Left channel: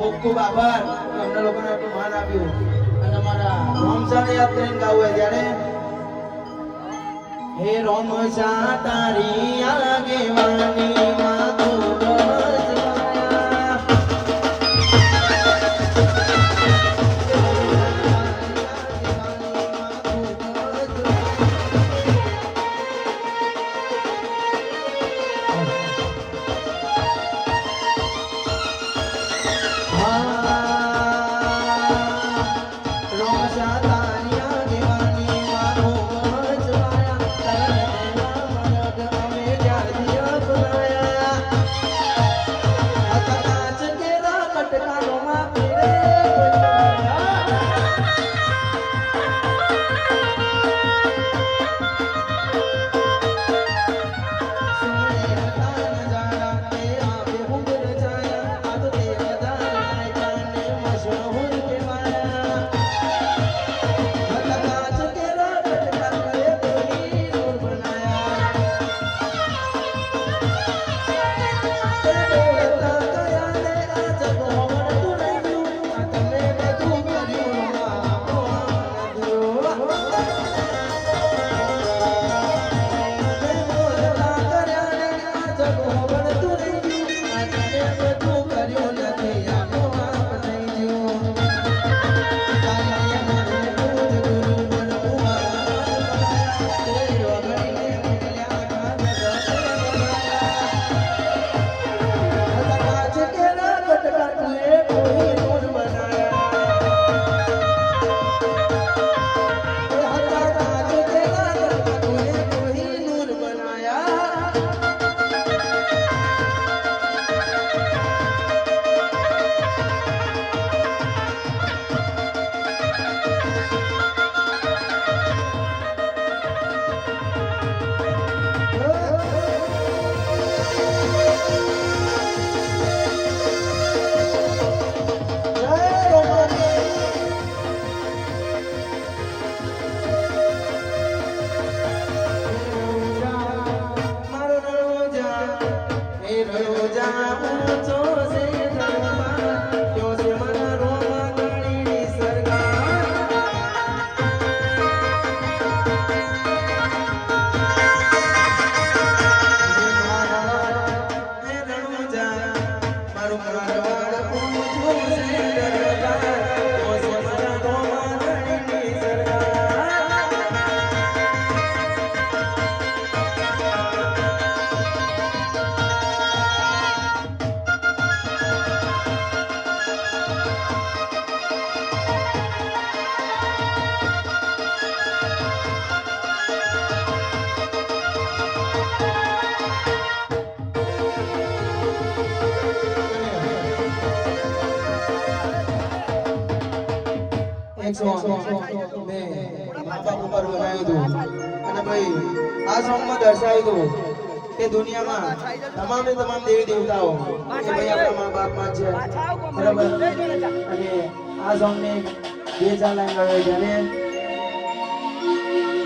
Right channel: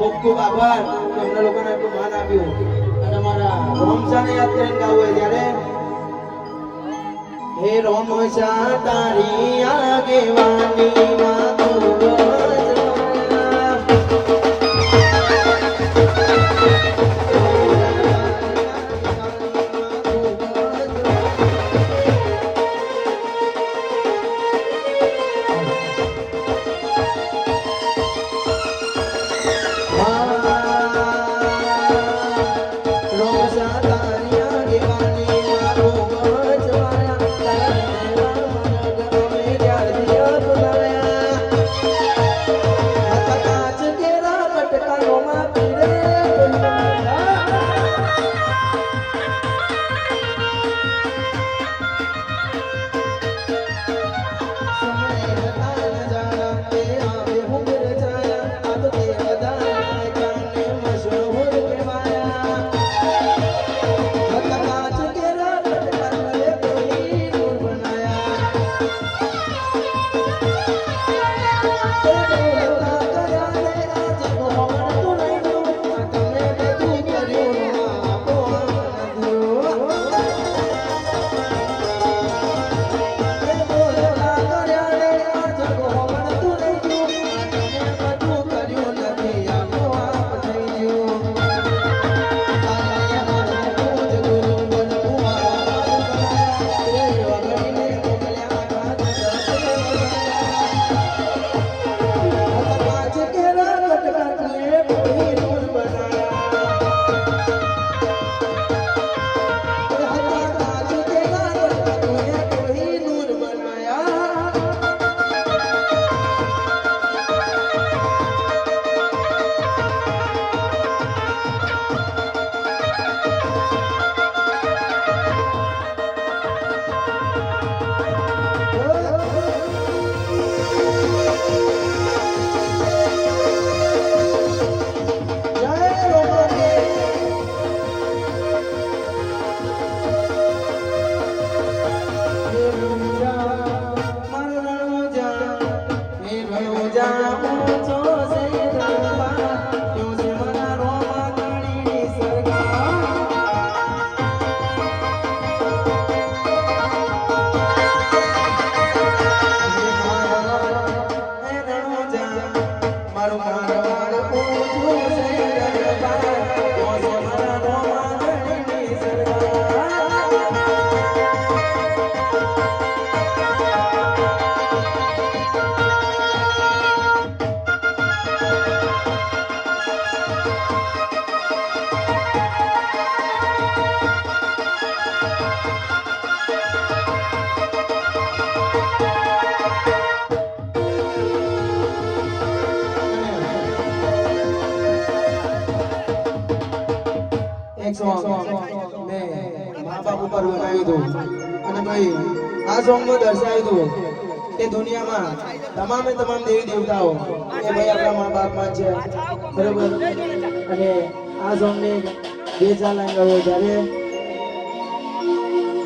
ખૂબ ખૂબ આભાર તમને લોકોને આટલું માન આપ્યું અને મારા રોમસાને યાદ કરીને ગાવું ત્યારે હે રોમસા તારી આગેવાની માં ખૂબ દર્શાવ્યું કે દુનિયામાં તમામે તમામ દેવી દેવતાઓ એ ભાઈ આપણા મા બાપમાં છે બરાબર અને આ સોંગની બે ચાર લાઈન ગાવે ત્યારે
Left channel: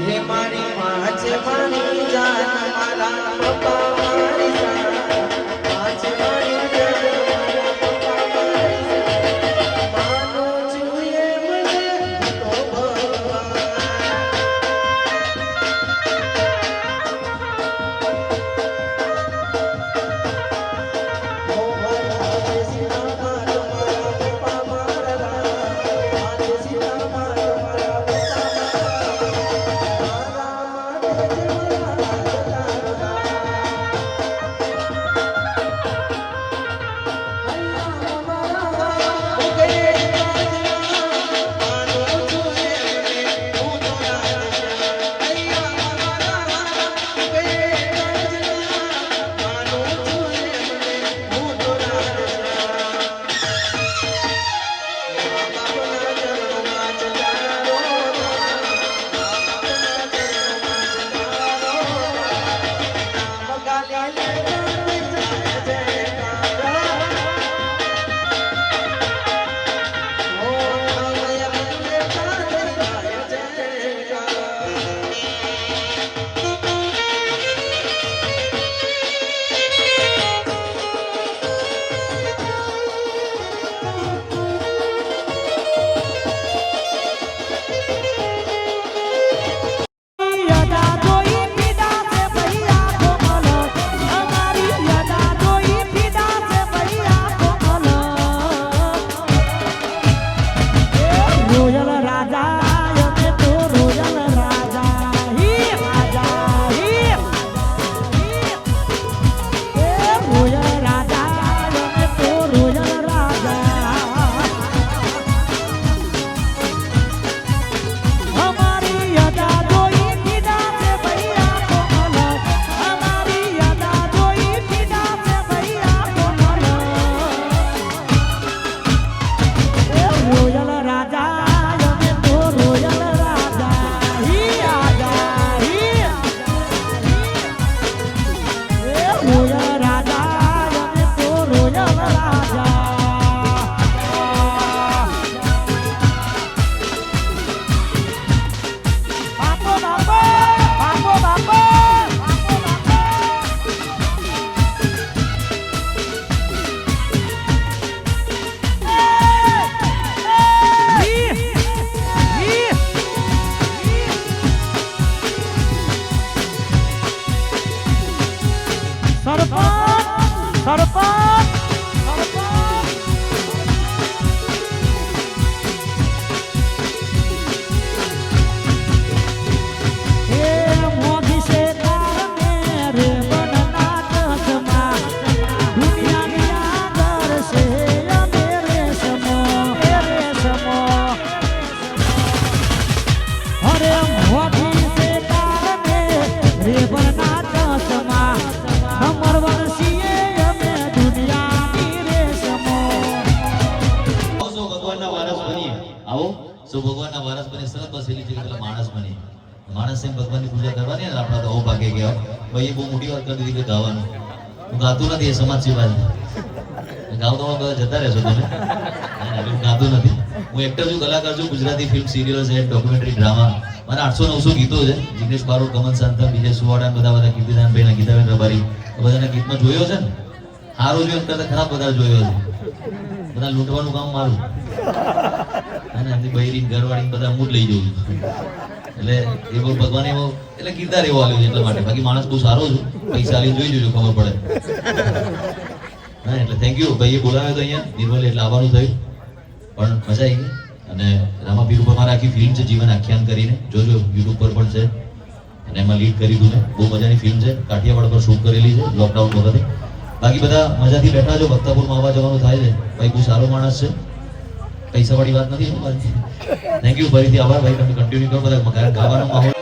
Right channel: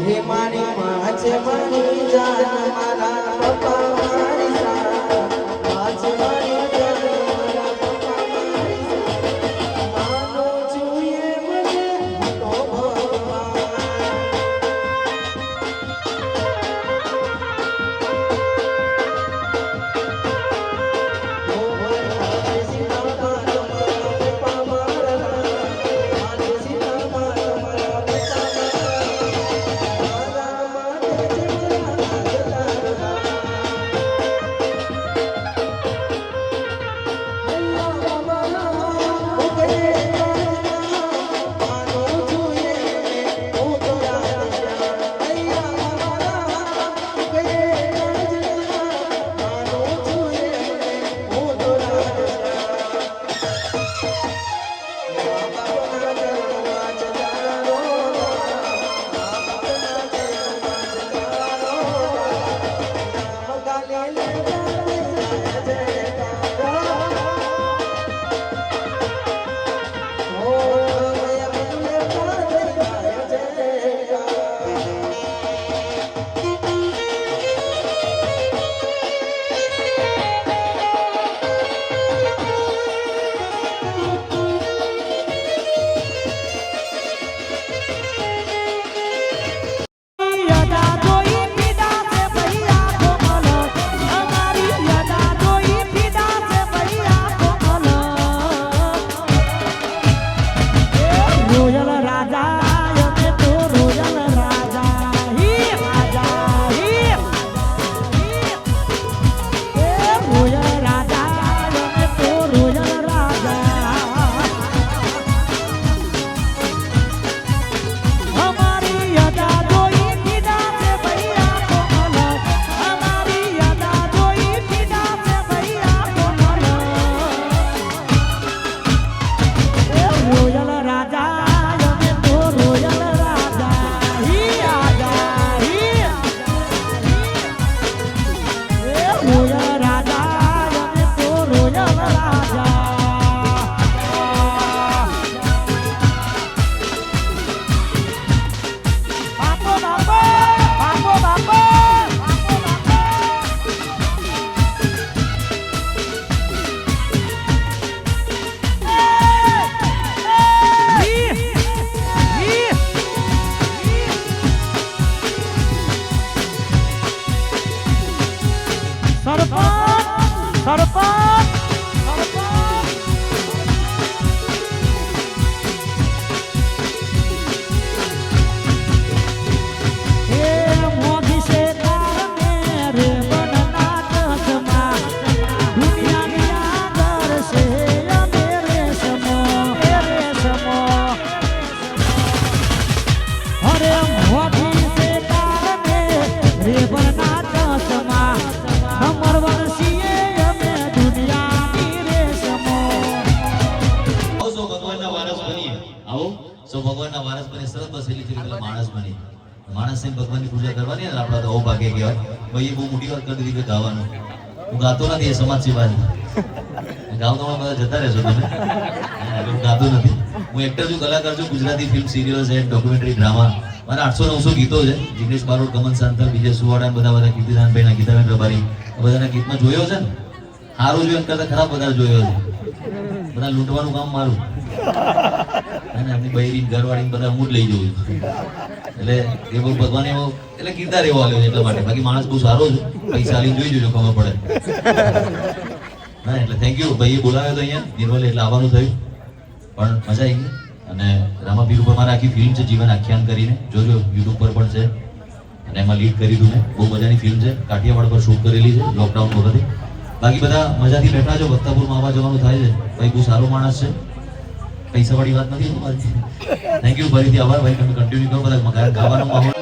હે મારી માં છે મારી જાન મારા પપ્પા મારી જાન માં છે મારી જાન મારા પપ્પા મારી જાન માનો છુએ મને તો ભગવાન તો ભગવાનના વારસ બની સરસ બસેલી છે પેલા માણસ બની માણસને ભગવાનની પૂજા કરવાની અને આપણા તો ઓ ભાગે કહેવાય ભાઈ એ બહુ મોટી વાત કરી દીધી કે ગાવાનું હું ગાતો નથી એ સમાજ સેવા છે ગાવ તો બધા જતા રહેશો તમે એટલે હું ગાતો નથી હું એક્ટર છું કલાકાર છું ગુજરાતી ફિલ્મ સિરિયલો છે ડોક્યુમેન્ટરી ડ્રામા મારા 800-900 ગીતો છે જિગ્નેશ બારોટ કમલ સાંતર વિજય સુવાડા બધા કીર્તિદાનભાઈ ગીતાબેન રબારી બધાના ગીતમાં જોયો છે ને સારું જોયું એમ કરતા ખરાબ બધા જોયો છે બધા લૂંટવાનું કામ મારું અને એમની બૈરી ઘરવાળી બધા હું જ લઈ જઉં છું એટલે એ બહુ ભગવાન એવો એટલે કિરદાર એવો આવ્યો છે એટલા માટે બાકી માણસ બહુ સારો છે પૈસા લઈને જોઈ જોજો ખબર પડે હા એટલે થેન્ક યુ ભાઈએ બોલાવ્યો તો અહીંયા નિર્મલે એટલે આવવાનું થયું પણ મજા આવી ગઈ અને રામાપીર ઉપર મારે આખી ફિલ્મ છે જીવન આખ્યાન કરીને જોજો યુટ્યુબ પર પણ છે અને એમાં લીડ કરી હતું મેં બહુ મજાની ફિલ્મ છે કાઠિયાવાડ પર શૂટ કરેલી છે લોકડાઉન વખતે બાકી બધા મજાથી બેઠા છો ભક્તાપુરમાં આવવા જવાનું થાય છે ભાઈ બહુ સારો માણસ છે પૈસાવાળી વાત નથી થેન્ક યુ ફરીથી આભાર ભાઈ તમે કન્ટિન્યુ કરો બધા ગાવાનો માહોલ